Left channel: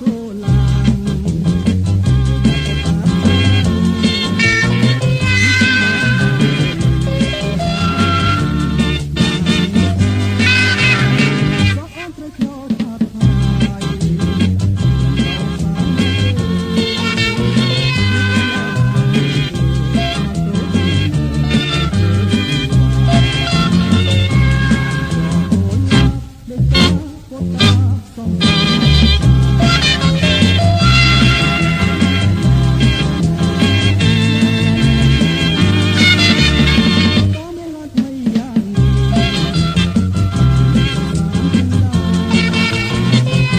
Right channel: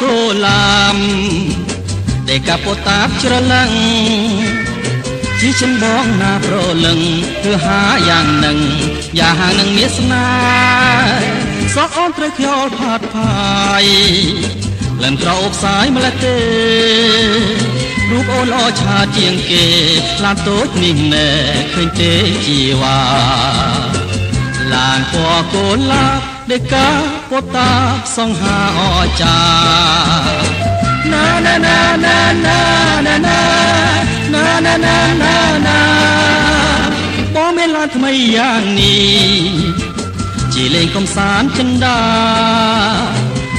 គោឡាមតែកាពតាច្រឡឹងជីចំបងណាប្រលឹងគឺហាយ៉ាងនឹងយ៉ាងនឹងមានស្នេហ៍សោះអូនត្រូវខ្យល់ផាត់ផាយលិនក្រោបសាយម្លេះទេរូបអូនល្អឆាជាងគេខ្លាតូចនេះណែឃើញទេជីវ៉ាឡានពណ៌គោឡាបដេកាពតាសង្ហាអចាណាណាណាណាណាណាណាណាណាណាណាណាបងមានឡានថ្មីយ៉ាងនេះជាលេងកំសាន្តចិនដា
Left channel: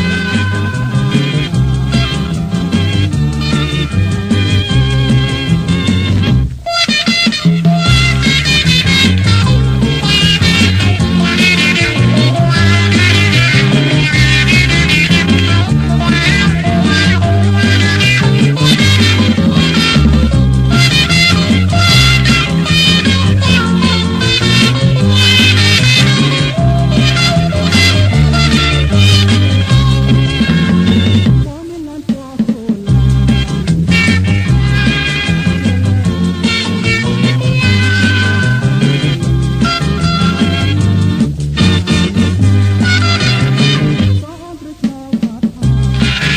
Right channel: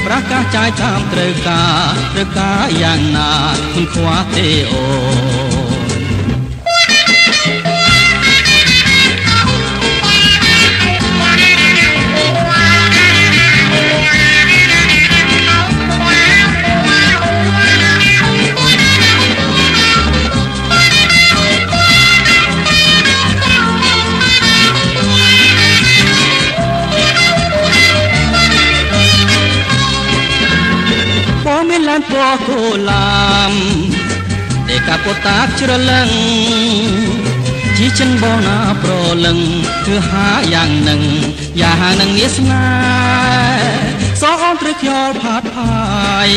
ប្រកាសចាយតាមត្រូវការយ៉ាងណាមិនខ្វះទេអូពណ៌គោឡាមតែកាពតាច្រឡឹងជីចិនបងណាប្រលឹងគឺហាយ៉ាងនឹងងាស្នេហ៍សោះអូនត្រូវខ្យល់ផាត់ផាយ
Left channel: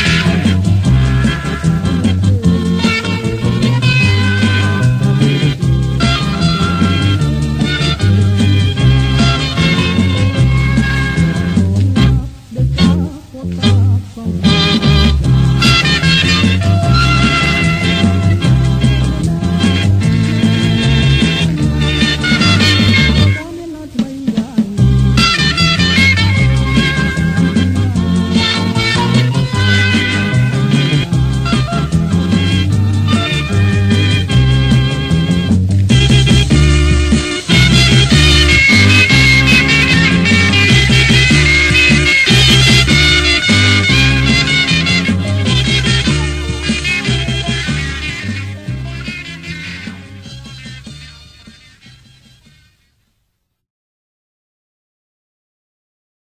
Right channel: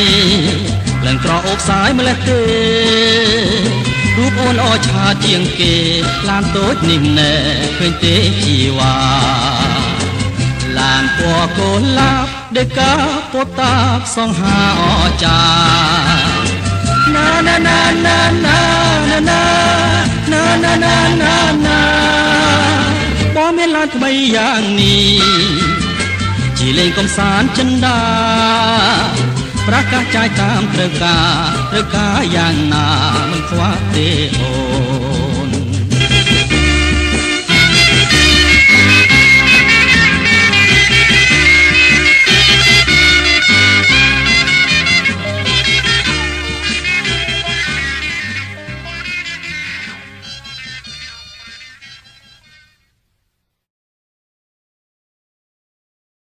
លិនក្រអូបសាយម្លេះទេរូបអូនល្អឆាជាងគេឡានតូចនេះណែឃើញទេជីវ៉ាឡានពណ៌គោឡាបដេកាពតាសង្ហាអចា